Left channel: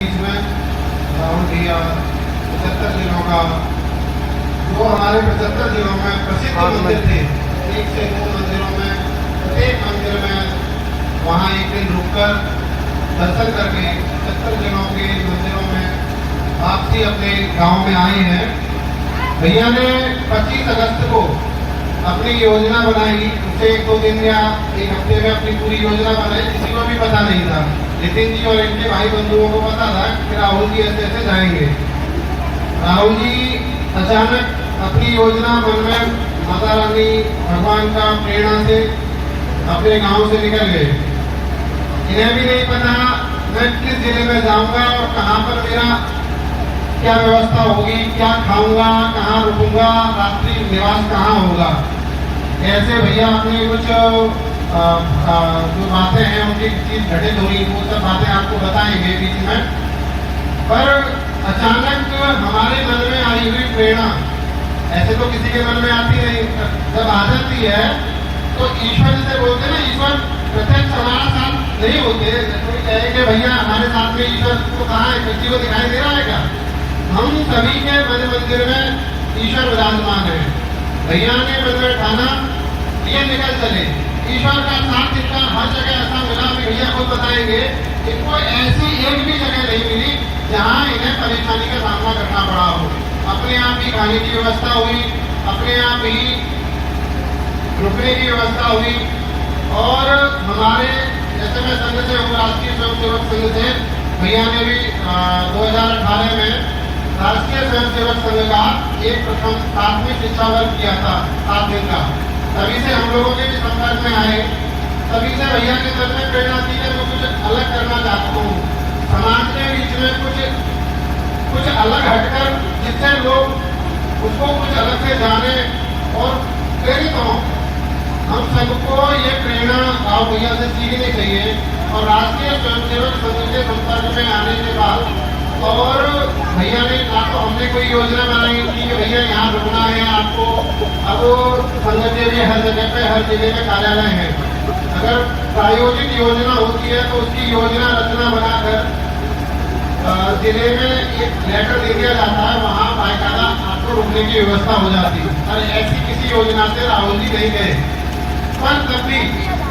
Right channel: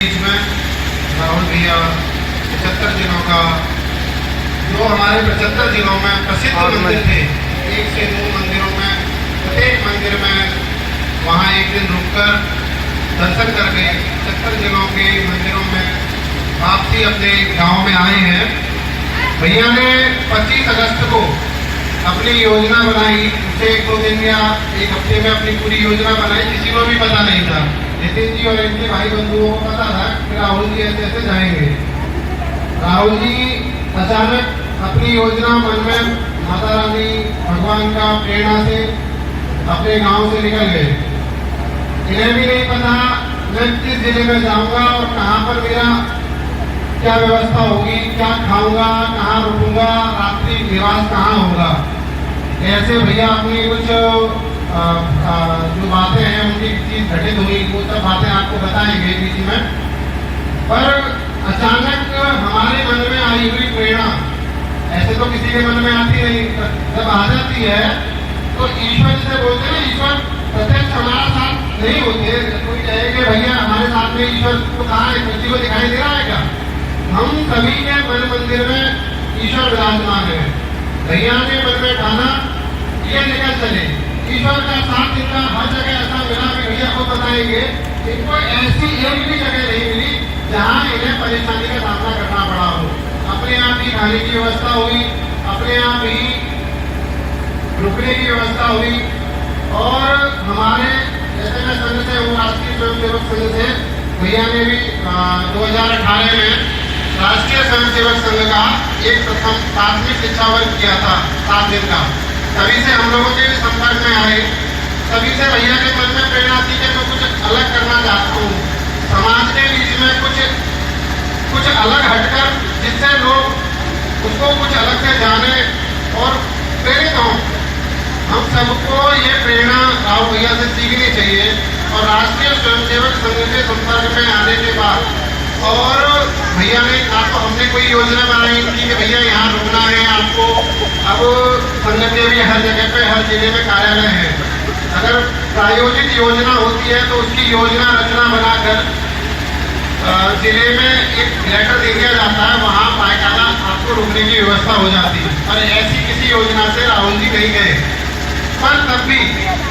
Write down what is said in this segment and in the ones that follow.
बीच में राहुल भैया 75 जिलों का, जो हमारे 75 जिलों में प्रसिद्ध मंदिर थे, 1 से 2 मंदिरों में, प्रत्येक मंदिर में वहाँ एक दिन रुककर दर्शन करके 75 जिलों के मंदिरों में वापसी अपने गांव में आए हैं। भैया ने 25 अगस्त को अपनी योजना बनाई, उसे 1-2 दिन या 1 हफ्ते में अपनी पूरी योजना बनाई, किसी को भी पता नहीं था। नितिन जी और इनके भाई बंधुओं को पता था कि राहुल जी ऐसे ऐसे जाएंगे। राहुल जी अचानक अपनी योजना मन में माता रानी भगवान का प्रेरणा से अपने गांव से निकल गए। इन्हें भी नहीं पता मैं किस जिले में जाऊंगा और कहाँ पर मेरा क्या व्यवस्था होगी, क्या खाऊंगा, कहाँ रुकूंगा, रात्रि निवास कहाँ होगा। ऐसे भैया अपनी कुछ जो बातें हैं उनकी चीज घटित हुई, वो सब बातें आपको बताएंगे बीच में। पर अचानक हमारे मन में आई हुई प्रेरणा, ऐसे तो किसी के मन में आती नहीं, जब आ जाती है तो ईश्वर से बोलते हैं, ईश्वर प्रत्यक्ष हमारा साथ नहीं होते। कोई कहे कि भैया हमारे साथ में ईश्वर को कहाँ है, किसी को दिखाई दे रहा है क्या? हम सभी के मन मंदिर में ईश्वर विराजमान है। भैया ने मन में ठाना ये निकल चले, ईश्वर का साथ इनका हर जगह ऐसा मिला कि भैया को बताएंगे। इनको ऐसी एक भी जगह नहीं मिली जहाँ इन्हें परेशानी का सामना करना पड़ा हो। अपने आप ही खाने की व्यवस्था हुई, अपने आप ही रुकने की व्यवस्था हुई। और हमारे जैसे मैं संघ से हूँ, राष्ट्रीय स्वयंसेवक संघ से, भैया ने भी 2018 में राष्ट्रीय स्वयंसेवक संघ का एक प्रथम प्राथमिक शिक्षा वर्ग किया था 7 दिन का। तभी से हम लोगों के भी संपर्क में आए, तभी से भैया के मन में प्रेरणा थी कि मैं कुछ अलग करना चाहता हूँ, समाज के बीच में कुछ अलग हटकर, जिससे लोग उसको कुछ अलग से जाने और प्रेरित हों। हम सबको ये प्रेरणा राहुल भैया से सीखनी चाहिए। और राष्ट्रीय स्वयंसेवक संघ के संपर्क में आने के बाद और भैया ने ना तो हमने कोई योजना बनाई थी कि भैया यहाँ रुकना है आपको, अब संघ के भी हर जगह पे हर जिले में कार्यालय है। अगर प्रायोजित योजना होती है तो उसकी योजना रचना बनाकर जिले में एक लेटर दे दिया जाता है, वहाँ बाकायदा आपको रुकने की व्यवस्था हो जाती है। और ऐसी किसी योजना से राहुल जी नहीं गए, पर तब भी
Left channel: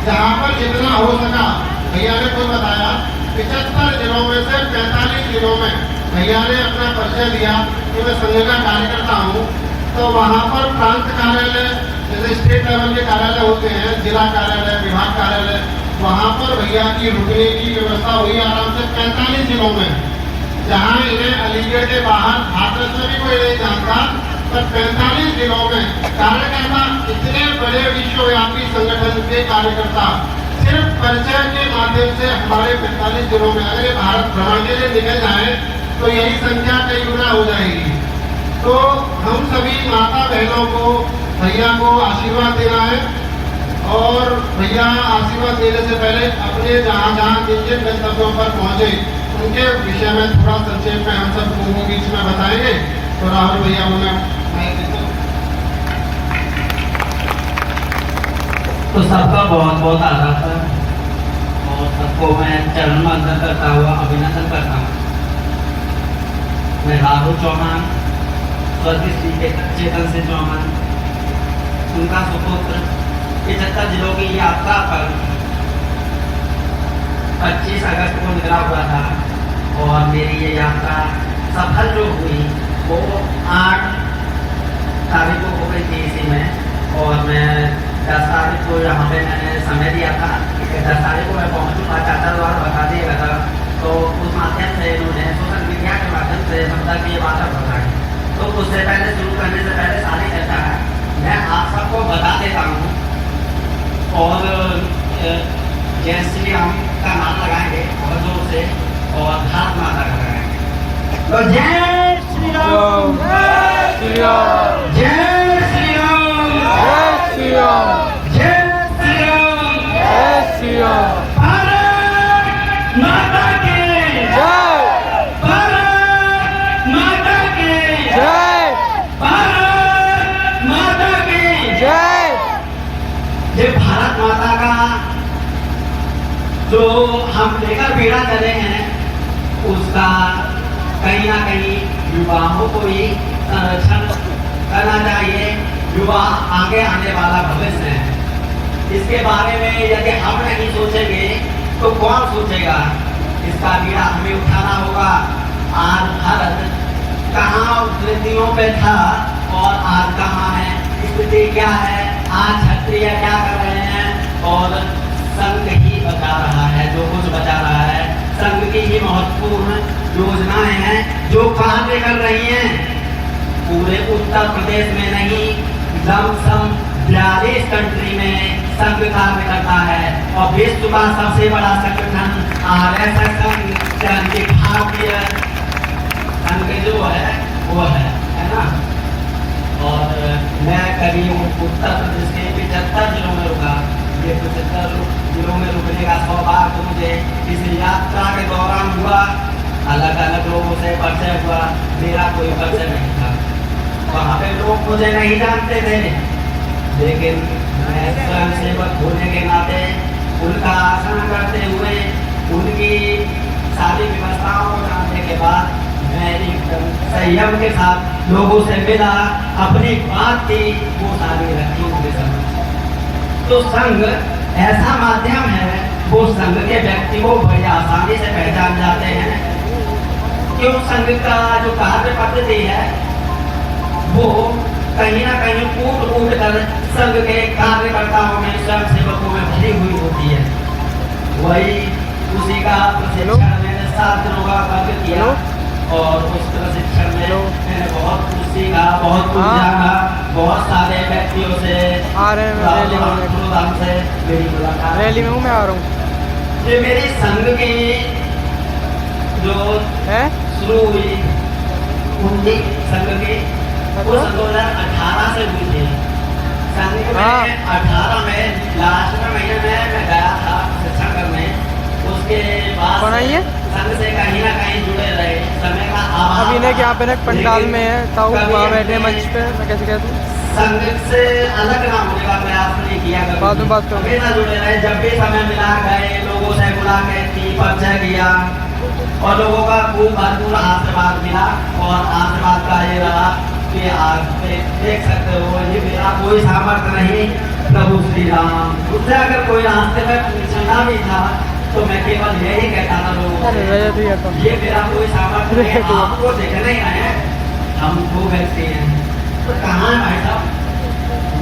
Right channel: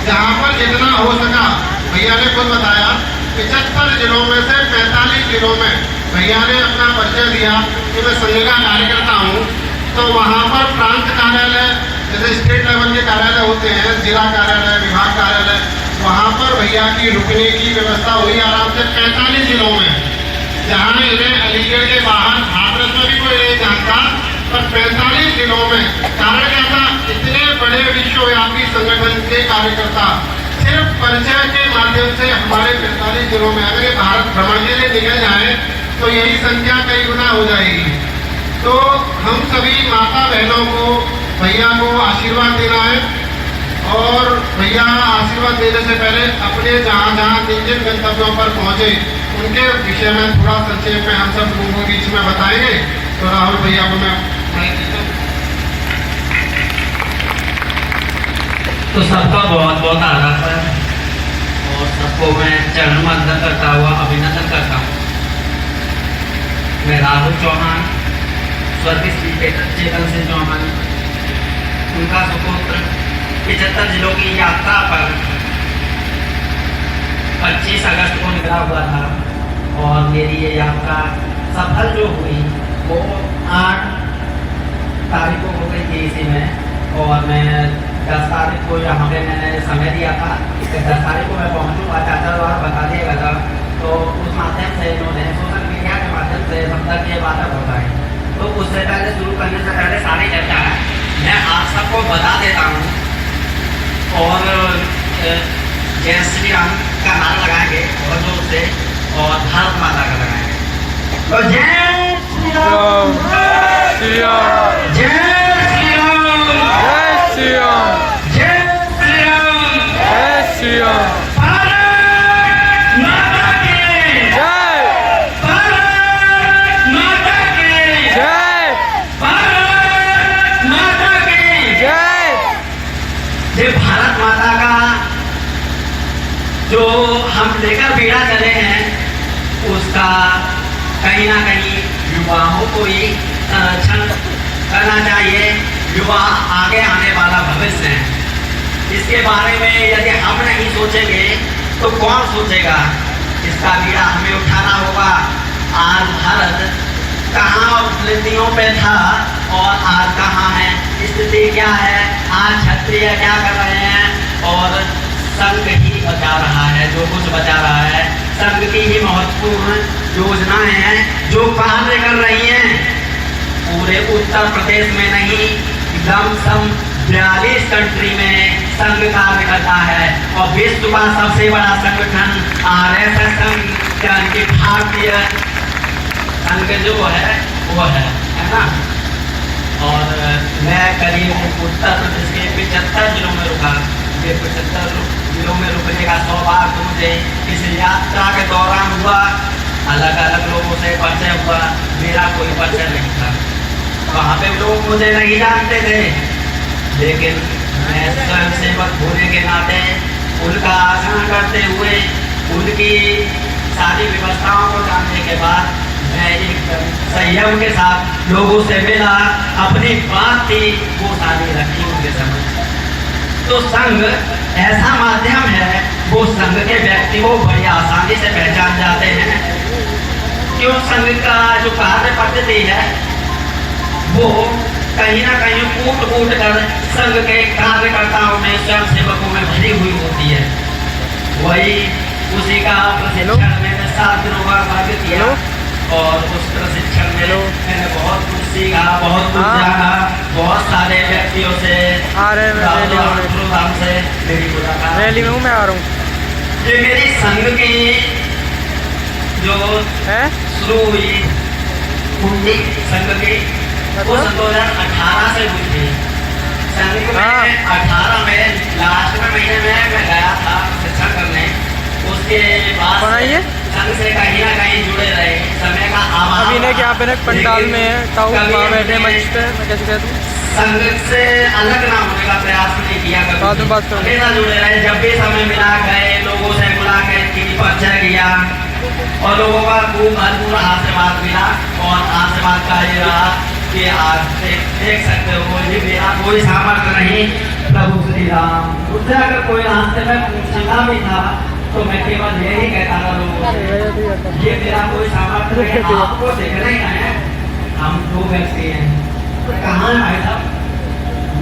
जहाँ पर जितना हो सका, भैया ने खुद बताया 75 जिलों में से 45 जिलों में भैया ने अपना परिचय दिया कि मैं संघ का कार्यकर्ता हूँ। तो वहाँ पर प्रांत कार्यालय, जैसे स्टेट लेवल के कार्यालय होते हैं, जिला कार्यालय, विभाग कार्यालय, वहाँ पर भैया की रुकने की व्यवस्था हुई आराम से 45 जिलों में। जहाँ इन्हें अलीगढ़ के बाहर हाथरस में भी कोई नहीं जानता, पर 45 जिलों में। कारण क्या था? इतने बड़े विश्वव्यापी संगठन के कार्यकर्ता सिर्फ परिचय के माध्यम से हमारे 45 जिलों में, अगर ये भारत भ्रमण के लिए निकल जाए तो यही संख्या कई गुना हो जाएगी। तो हम सभी माता बहनों को भैया को आशीर्वाद देना है। और भैया आशीर्वाद देने से पहले अपने जहाँ जहाँ जिन गंतव्यों पर पहुँचे उनके विषय में थोड़ा संक्षेप में हम सब लोगों के बीच में बताएंगे। तो राहुल भैया को मैं तो सबका बहुत बहुत आभार सर, और सबको मैं चरण वंदन करता हुआ अभिनंदन करता हूँ। मैं राहुल चौहान, स्वर्गीय श्री चेतन सिंह चौहान, उनका सुपुत्र 75 जिलों की यात्रा पर 25 अगस्त को निकला हुआ था। और मेरी ये यात्रा सफल जो हुई वो 8 तारीख को हो गई थी इसी में। और मैं 10 तारीख को यहाँ पे मैंने समय दिया था, 10 तारीख को मैं पहुँचूँगा, चाचा द्वारा बता दिया गया था। तो उस माध्यम से इन्होंने सोशल मीडिया के माध्यम से हम तक ये बात पहुँचाई। तो उससे पहले शुरू करने से पहले सारी चर्चा है मैं आप सबको बता देता हूँ। और जय श्री राम का नारा लगाएंगे और जोर से, और भारत माता का लगाएंगे। तो जय श्री राम, जय श्री राम, जय श्री राम, जय श्री राम, जय श्री राम, जय श्री राम। भारत माता की जय, भारत माता की जय, भारत माता की जय। ये भारत माता का जो हम लेकर बीड़ा चले हैं उसका कहीं ना कहीं युवाओं को ही संरक्षण करना चाहिए। युवा आगे आने वाला भविष्य है। इसके बारे में यदि हम नहीं सोचेंगे तो कौन सोचेगा। इसका बीड़ा हमें उठाना होगा। आज भारत कहाँ बुलंदियों पे था और आज कहाँ है, स्थिति क्या है। आज क्षत्रिय क्या कर रहे हैं और संघ ही बचा रहा है। जो कुछ बचा रहा है संघ की ही महत्वपूर्ण योजनाएं हैं जो कार्य कर रही हैं। पूरे उत्तर प्रदेश में नहीं, लमसम 42 कंट्री में संघ कार्य करता है और विश्व का सबसे बड़ा संगठन RSS संघ यानी कि भारतीय संघ जो है वो है ना। और मैं करीब उत्तर प्रदेश के 75 जिलों में रुका। ये 75 जिलों में रुकने का सौभाग्य मुझे इस यात्रा के दौरान हुआ। अलग अलग लोगों से परिचय हुआ। मेरा कोई परिचय नहीं था। वहाँ पे लोग मुझे नहीं जानते थे, लेकिन मैं स्वयं सेवक होने के नाते उनका आचरण करते हुए उनकी सारी व्यवस्थाओं को जानने के बाद मैं एकदम संयम के साथ लोगों से मिला। अपनी बात थी वो सारी रखी उनके समझ। तो संघ ऐसा माध्यम है, वो संघ के व्यक्ति को बड़ी आसानी से पहचान जाते हैं। क्यों संघ का जो कार्य पद्धति है वो कहीं ना कहीं कूट कर संघ के कार्यकर्ताओं में, स्वयं सेवकों में भरी हुई होती है। वही उसी का प्रशिक्षण मैंने 7 दिनों का कार्य किया और उस प्रशिक्षण में मैंने बहुत कुछ सीखा, बहुत कुछ जाना। बहुत सारे व्यक्तियों से मेरी मुलाकात। रैली में हूँ मैं, आ रहा हूँ। ये मेरी संघ की जो है शुरू हुई कुंडी संघ की वो 2018 से हुई थी। संघ में 18 में लास्ट में महीने में मैं गया था शिक्षण करने। उसके बाद संघ से कहीं ना कहीं जुड़े रहे। समय का अभी इन्हें यहाँ पे पंडाल में है ताऊ वहाँ बैठे मंच पे। मैं कैसे कह दूँ, संघ से अलग ना होने का प्रयास नहीं किया। बाद में बात करूँ। हमेशा जुड़े रहे। जब भी समय मिला गए, लोगों से मुलाकात की, परिचय किया और लोगों का खूब भरपूर आशीर्वाद मिला। और आशीर्वाद का ये रहा कि आज देख सकते हो ये मेरा कोई सामर्थ्य नहीं, प्रभु श्री राम। उससे अगर कोई रास्ते में पूछना भी था तो मैं केवल यही कहता था लोगों से, ये मेरा कोई सामर्थ्य नहीं, आपको देखने हैं हम 2 व्यक्ति हैं। तो कहाँ है भाई साहब?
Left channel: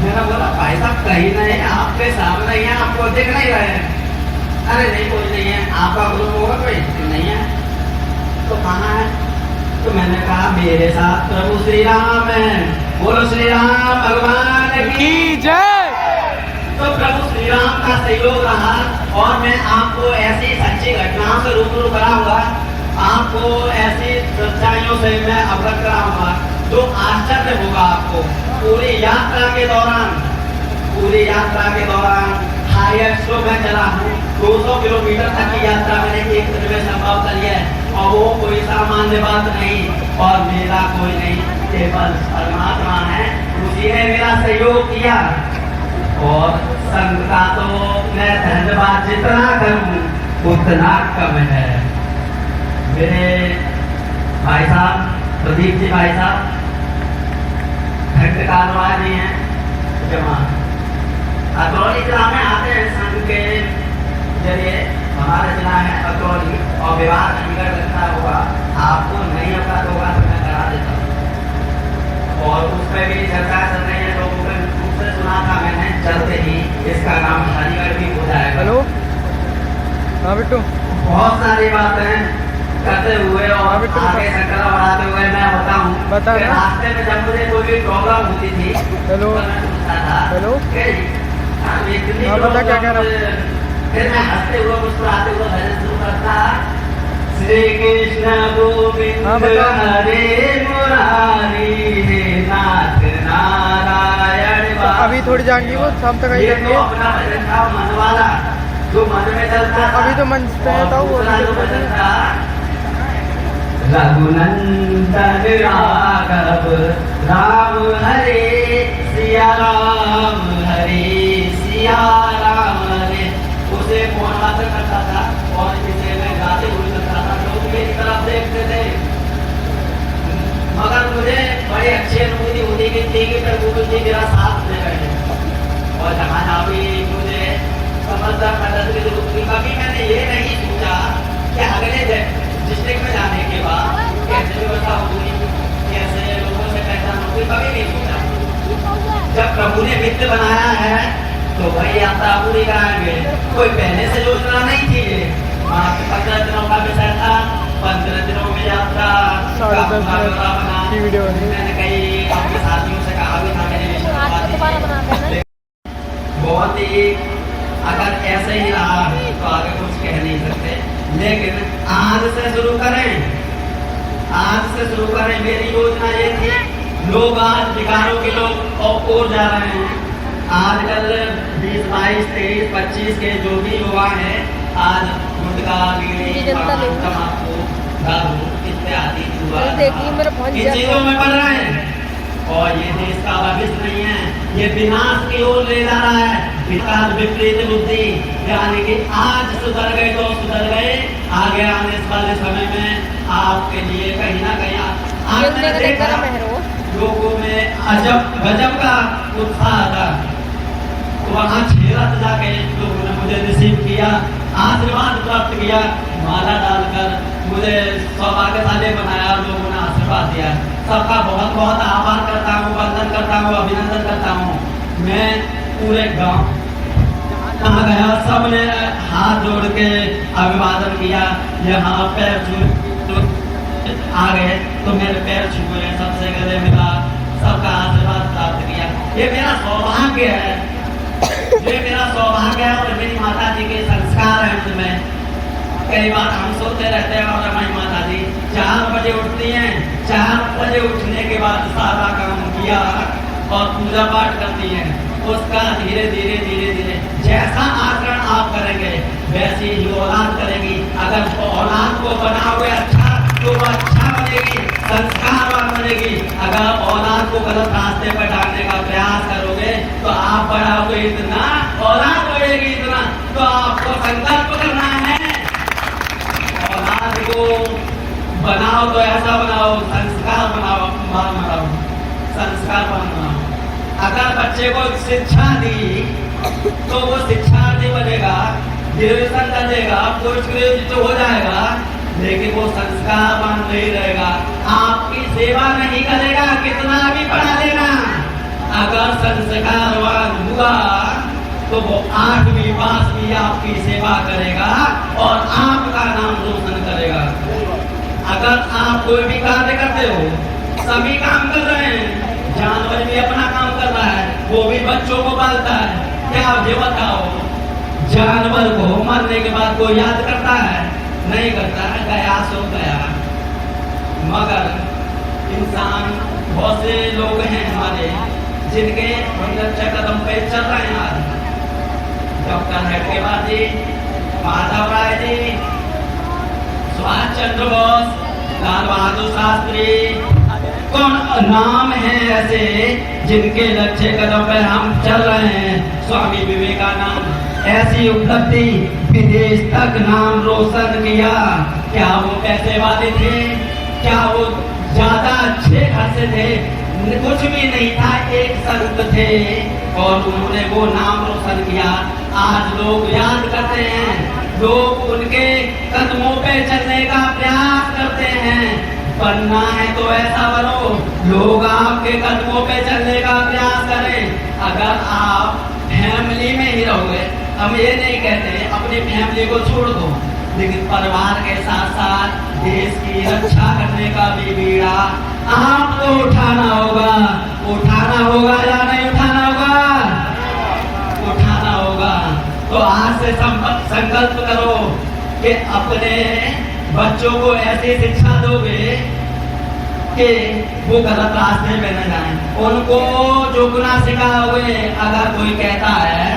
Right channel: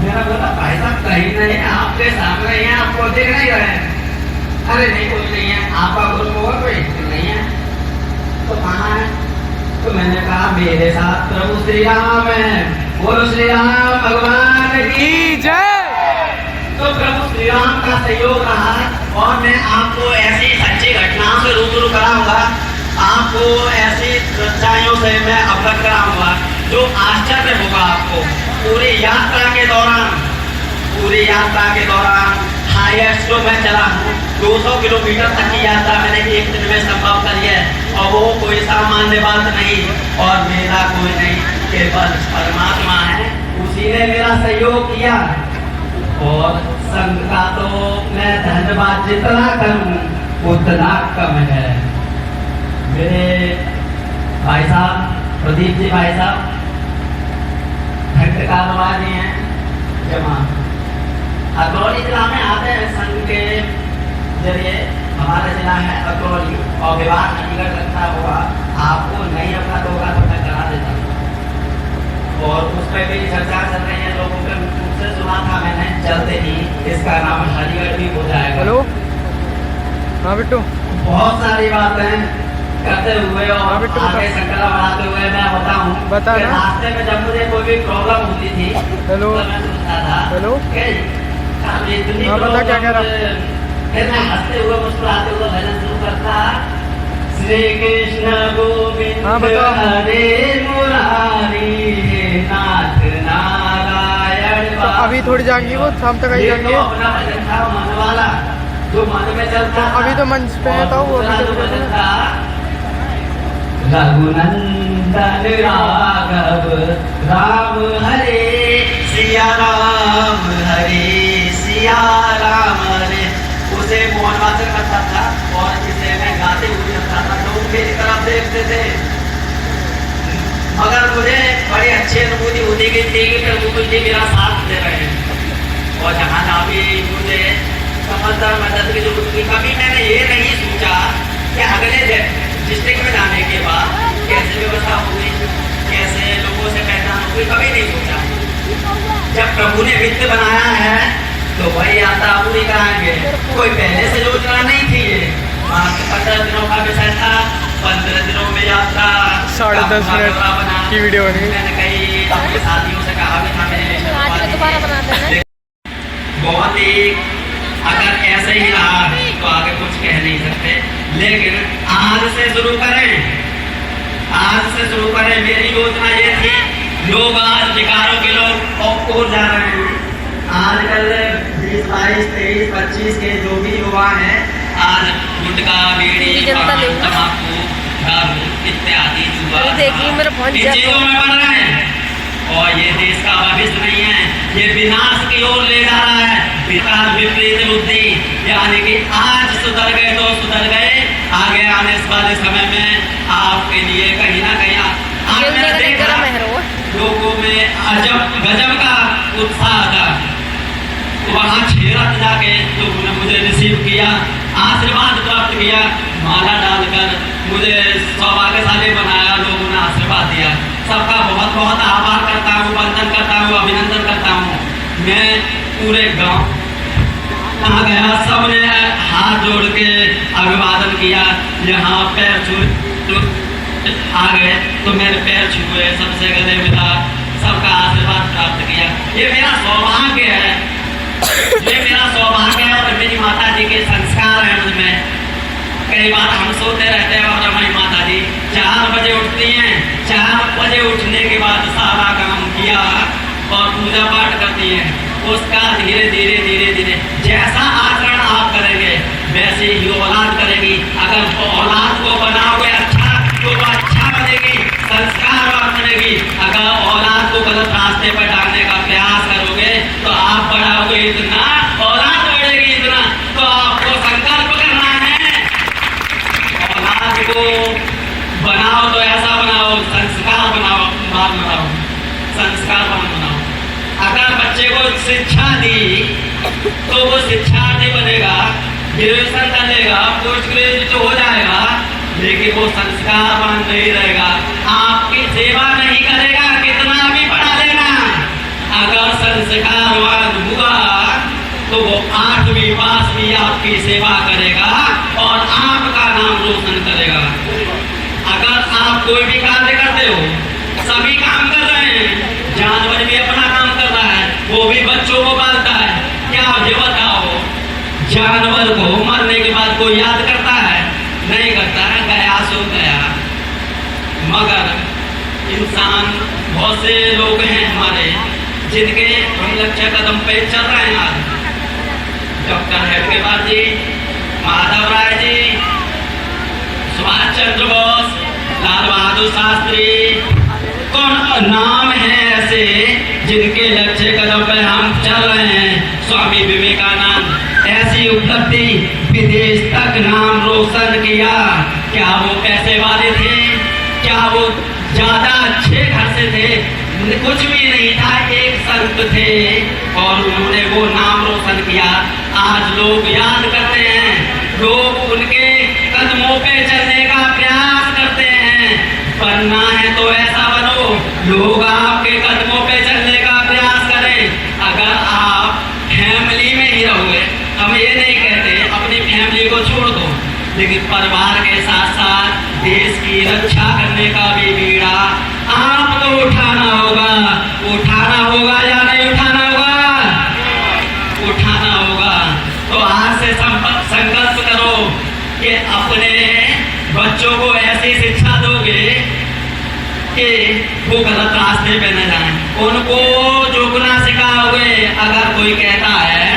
मेरा बोला भाई साहब कहीं नहीं है, आपके सामने है, आपको देख नहीं रहे। अरे नहीं कोई नहीं है। आपका ग्रुप होगा कोई नहीं है तो कहाँ है? तो मैंने कहा मेरे साथ प्रभु श्री राम है। बोलो श्री राम भगवान की जय। तो प्रभु श्री राम का सहयोग रहा और मैं आपको ऐसी सच्ची घटनाओं से रूबरू कराऊंगा। आपको ऐसी सच्चाइयों से मैं अवगत कराऊंगा जो आश्चर्य होगा आपको। पूरी यात्रा के दौरान हाईएस्ट जो मैं चला हूँ 200 किलोमीटर तक की यात्रा मैंने एक दिन में संभव करी है। और वो कोई सामान्य बात नहीं और मेरा कोई नहीं, केवल परमात्मा है। उसी ने मेरा सहयोग किया। और संघ का तो मैं धन्यवाद जितना करूं उतना कम है। मेरे भाई साहब प्रदीप जी भाई साहब घटकालवार जी हैं जमा अकरौली जिला में आते हैं। संघ के जरिए हमारा जिला है अकरौली और विवाह चंडीगढ़ लगता होगा। आपको नहीं होता तो होगा तो मैं करा देता हूँ। और उस पर भी चर्चा चल रही है। लोगों ने मुझसे सुना था मैंने चलते ही इसका नाम हरिगढ़ भी हो जाएगा। हेलो हाँ बिट्टू, बहुत सारी बातें करते हुए और आगे संकल्प बनाते हुए मैं बताऊं बता ना। रास्ते में जब मुझे कोई भी प्रॉब्लम होती थी हेलो तो मैं सुनता था। हेलो हाँ बता क्या कह रहा। फिर मैं हंसते हुए मुस्कुराते हुए भजन शुरू करता। श्री कृष्ण गोविंद हाँ बताओ। हरे मुरारी हे नाथ नारायण। तो अभी थोड़ी जाएंगी वो शाम तक आई जाएंगे। अपना भजन था मन वाला जो मन में चलता। तो अभी तो मंच पे है तो वो अभी जब रघुनंदन राघव राम हरे सिया राम हरे सिया राम हरे। उसे मोहन करता था और इसे मैं गाते हुए जाता था। लोग मेरी तरफ देखते थे मगर मुझे बड़ी अच्छी अनुभूति होती गई थी कि प्रभु मुझे मेरा साथ दे रहे हैं। और जहाँ जहाँ भी मुझे समझदार मदद की जरूरत थी, कभी मैंने ये नहीं सोचा कि अगले डिस्ट्रिक्ट में जाने के बाद कैसे व्यवस्था होगी, कैसे लोगों से पहचान होगी, कभी नहीं सोचा। जब प्रभु ने वित्त बनाया है तो वही यात्रा पूरी कराएंगे। कोई पहले से योजना नहीं थी। ये 15 दिनों का विषय था, 15 दिनों में यात्रा 10.5 मिनट की वीडियो बनी। मैंने कई अपने साथियों से कहा भी था, मेरे बहुत ही अगर ऐसे ही रहा तो आगे कुछ कह नहीं सकते, लेकिन आज से शुरू करें, आज से शुरू करें। मेरी योजना ये थी, लोग आज विकारों के लोग और जा रहे हैं। आजकल 20, 22, 23, 25 के जो भी युवा हैं, आज गुटखा, बीड़ी, तंबाकू, दारू इत्यादि देखिए मेरा फोन चीजों में बढ़ रहे हैं और ये देश का भविष्य नहीं है, ये विनाश की ओर ले जा रहा है। विकास विपरीत बुद्धि, यानी कि आज सुधर गए तो सुधर गए, आगे आने वाले समय में आपके लिए कहीं ना कहीं लोगों में अजब गजब का उत्साह था। तो वहाँ छेरत जाके लोगों ने मुझे रिसीव किया, आशीर्वाद प्राप्त किया, माला डालकर मुझे सौभाग्यशाली बनाया, लोगों ने आशीर्वाद दिया। सबका बहुत बहुत आभार करता हूँ, वंदन करता हूँ, अभिनंदन करता हूँ। मैं पूरे गांव कहाँ गया, सबने हाथ जोड़ के अभिवादन किया। यहाँ पैर छू आ गए तो मेरे पैर छुए, सबसे गले मिला, सबका आशीर्वाद प्राप्त किया। ये मेरा सौभाग्य है, ये मेरा सौभाग्य है और मेरी माता जी के संस्कार है मुझ में। कई बार हम सोते रहते हैं और हमारी माता जी 4 बजे उठती हैं, 4 बजे उठने के बाद सारा काम किया और पूजा पाठ करती हैं। उसका धीरे धीरे धीरे धीरे जैसा आचरण आप करेंगे वैसे ही औलाद करेगी। अगर औलाद को बनाओगे अच्छा तो वो अच्छा बनेगी, संस्कारवान बनेगी। अगर औलाद को गलत रास्ते पर डालने का प्रयास करोगे तो आप बढ़ाओगे इतना, औलाद बढ़ेगी इतना। तो आपको संकल्प करना है, औलाद को बनाओ तो ऐसा बनाओ, संस्कार बनाओ, संस्कारवान बनाओ। अगर बच्चे को शिक्षा दी तो वो शिक्षार्थी बनेगा, ग्रेजुएशन कर लेगा, पोस्ट ग्रेजुएट हो जाएगा, लेकिन वो संस्कारवान नहीं रहेगा, आपकी सेवा नहीं करेगा, कितना भी पढ़ा लेगा। अगर संस्कारवान हुआ तो वो 8वीं पास भी आपकी सेवा करेगा और आपका नाम रोशन करेगा। अगर आप कोई भी कार्य करते हो, सभी काम कर रहे हैं, जानवर भी अपना काम कर रहा है, वो भी बच्चों को पालता है, क्या मुझे बताओ, जानवर को मरने के बाद कोई याद करता है? नहीं करता है, गया सो गया। मगर इंसान, बहुत से लोग हैं हमारे जिनके हम लक्ष्य कदम पे चल रहे हैं। आज डॉक्टर हेडगेवार जी, माधव राय जी, सुभाष चंद्र बोस, लाल बहादुर शास्त्री, कौन नाम है ऐसे जिनके लक्ष्य कदम पर हम चल रहे हैं। स्वामी विवेकानंद, ऐसी उपलब्धि, विदेश तक नाम रोशन किया। क्या वो पैसे वाले थे? क्या वो ज्यादा अच्छे घर से थे? कुछ भी नहीं था, एक संत थे और उन्होंने वो नाम रोशन किया। आज लोग याद करते हैं, लोग उनके कदमों पे चलने का प्रयास करते हैं। बनना है तो ऐसा बनो, लोग आपके कदमों पे चलने का प्रयास करें। अगर आप फैमिली में ही रहोगे, हम ये नहीं कहते अपनी फैमिली को छोड़ दो, लेकिन परिवार के साथ साथ देश की रक्षा करने का भी बीड़ा आपको उठाना होगा। उठाना होगा या नहीं उठाना होगा? उठाना होगा। तो आज से संकल्प करो कि अपने बच्चों को ऐसी शिक्षा दोगे कि वो गलत रास्ते पे न जाएं। उनको झुकना सिखाओगे। अगर कोई कहता है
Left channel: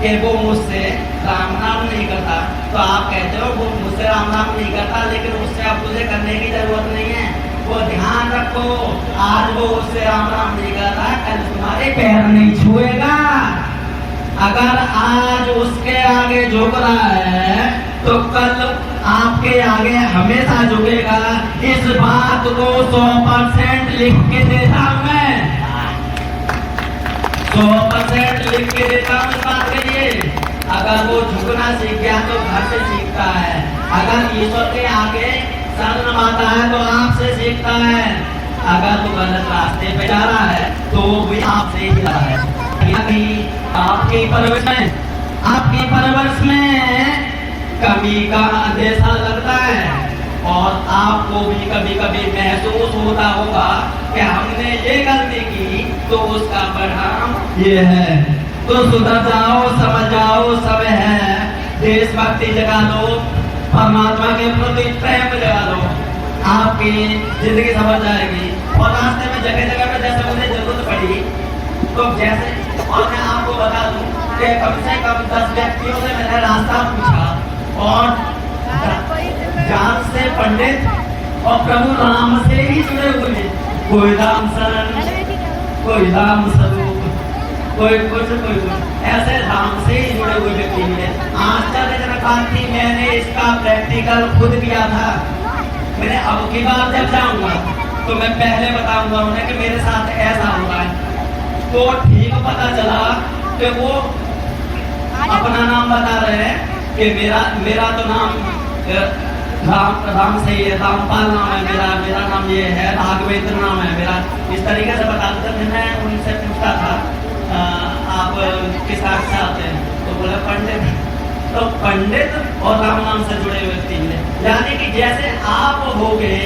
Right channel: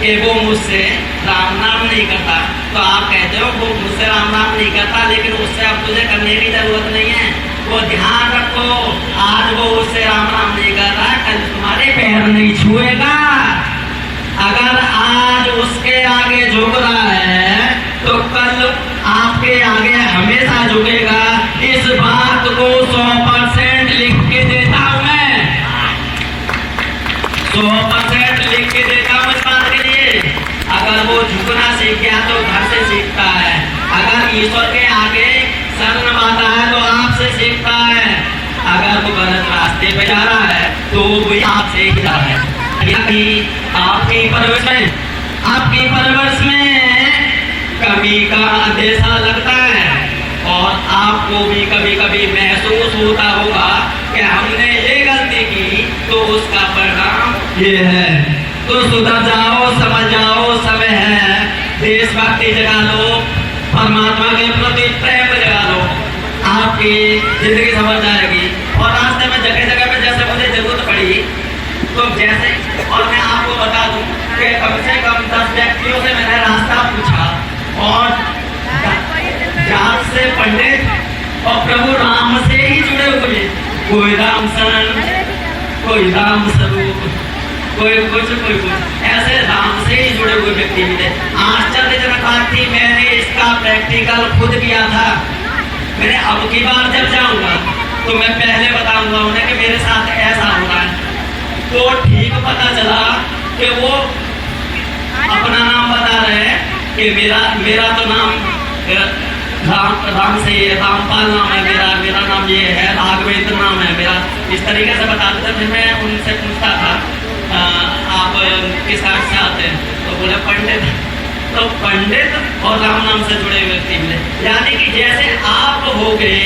कि वो मुझसे राम नाम नहीं करता, तो आप कहते हो वो मुझसे राम नाम नहीं करता, लेकिन उससे अब तुझे करने की जरूरत नहीं है। वो ध्यान रखो, आज वो उससे राम नाम नहीं करता, कल तुम्हारे पैर नहीं छुएगा। अगर आज उसके आगे झुक रहा है तो कल आपके आगे हमेशा झुकेगा। इस बात को 100% लिख के देता हूं मैं, 100% लिख के देता हूं इस बात के लिए। अगर वो झुकना सीख गया तो घर से सीखता है, अगर ईश्वर के आगे सर नवाता है तो आपसे सीखता है, अगर वो गलत रास्ते पे जा रहा है तो वो भी आपसे ही जा रहा है। आपकी परवरिश में कमी का अंदेशा लगता है और आपको भी कभी कभी महसूस होता होगा कि हमने ये गलती की तो उसका परिणाम ये है। तो सुधर जाओ, समझ जाओ, समय है, देशभक्ति जगा लो, परमात्मा के प्रति प्रेम जगा लो, आपकी जिंदगी समझ जाएगी। और रास्ते में जगह जगह पे जैसे मुझे जरूरत पड़ी तो जैसे, और मैं आपको बता दूं कि कम से कम 10 व्यक्तियों से मैंने रास्ता पूछा और जात से पंडित और प्रभु राम से ही जुड़े हुए, कोई राम शरण, कोई राम स्वरूप, कोई कुछ, ऐसे राम से ही जुड़े हुए व्यक्ति मिले। आश्चर्यजनक बात थी, मैंने इसका प्रैक्टिकल खुद किया था। मैंने अब की बार जब जाऊंगा तो मैं पहले बताऊंगा उन्हें कि मेरे साथ ऐसा हो रहा है। तो ठीक पता चला कि वो अपना नाम बता रहे हैं कि मेरा तो नाम राम से है, रामपाल नाम है मेरा नाम ये है, राघवेंद्र नाम है मेरा, इस तरीके से बताते थे। फिर मैं उनसे पूछता था आप किस आर्ट से आते हैं, तो बोले पंडित। तो पंडित और राम नाम से जुड़े हुए व्यक्ति मिले, यानी कि जैसे आप हो गए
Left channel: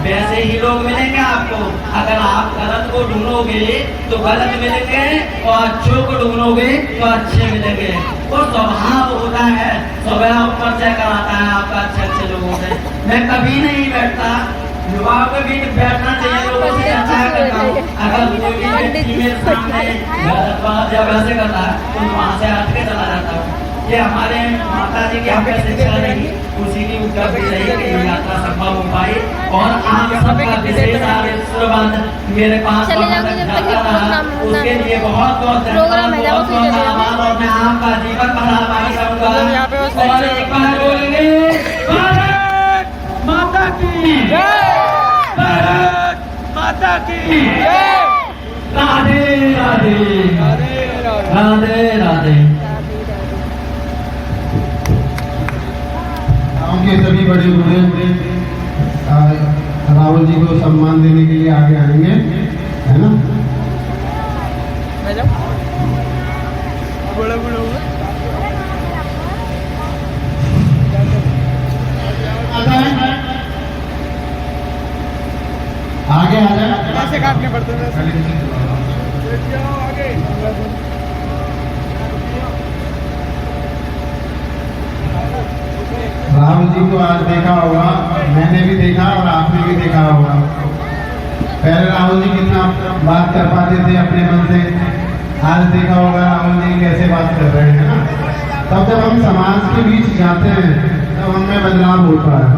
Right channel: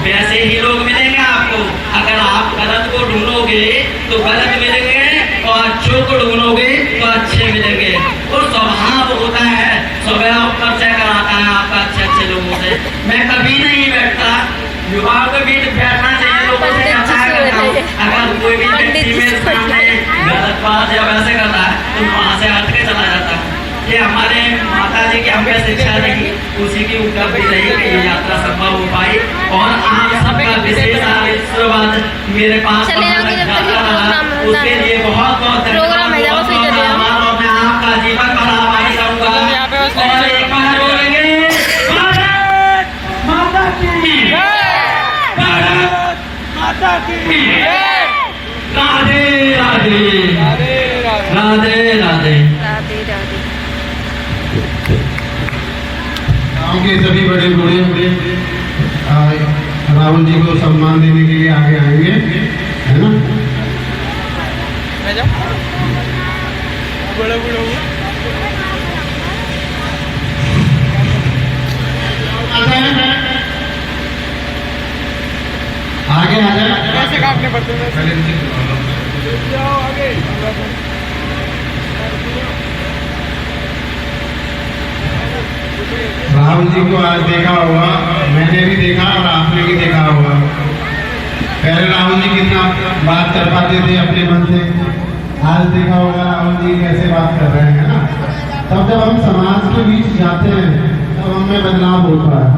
वैसे ही लोग मिलेंगे आपको। अगर आप गलत को ढूंढोगे तो गलत मिलेंगे और अच्छों को ढूंढोगे तो अच्छे मिलेंगे। तो स्वभाव होता है, स्वभाव परिचय कराता है आपका अच्छे लोगों से। मैं कभी नहीं बैठता, युवाओं के बीच बैठना चाहिए, लोगों से अगर कोई भी व्यक्ति मेरे सामने गलत बात या वैसे करता है तो वहां से हट के चला जाता हूँ। ये हमारे माता जी की हमें शिक्षा रही, उसी की उपलब्धि रही कि ये यात्रा संभव हो पाई। और आप सबका विशेष आशीर्वाद मेरे पास उसके लिए बहुत बहुत प्रोग्राम है, जाओ फिर चले जाओ। और मैं आपका जीवन भर आभारी रहूंगा। और एक बार बोलेंगे भारत माता की, भारत माता की, राधे राधे, राधे राधे, राधे राधे। गाँव के सभी बड़े बूढ़े राहुल जी को सम्मान देने के लिए आगे आएंगे, है ना। आगे आ जाए, कैसे काटने पड़ते हैं? आगे राहुल जी को आज देखा होगा, मैंने भी देखा और आपने भी देखा होगा। पहले राहुल जी कितना बात कर पाते थे अपने मन से, आज देखा होगा राहुल जी कैसे बात कर रहे हैं ना। तब जब हम समाज के बीच जाते हैं तब हमें बदलाव होता है।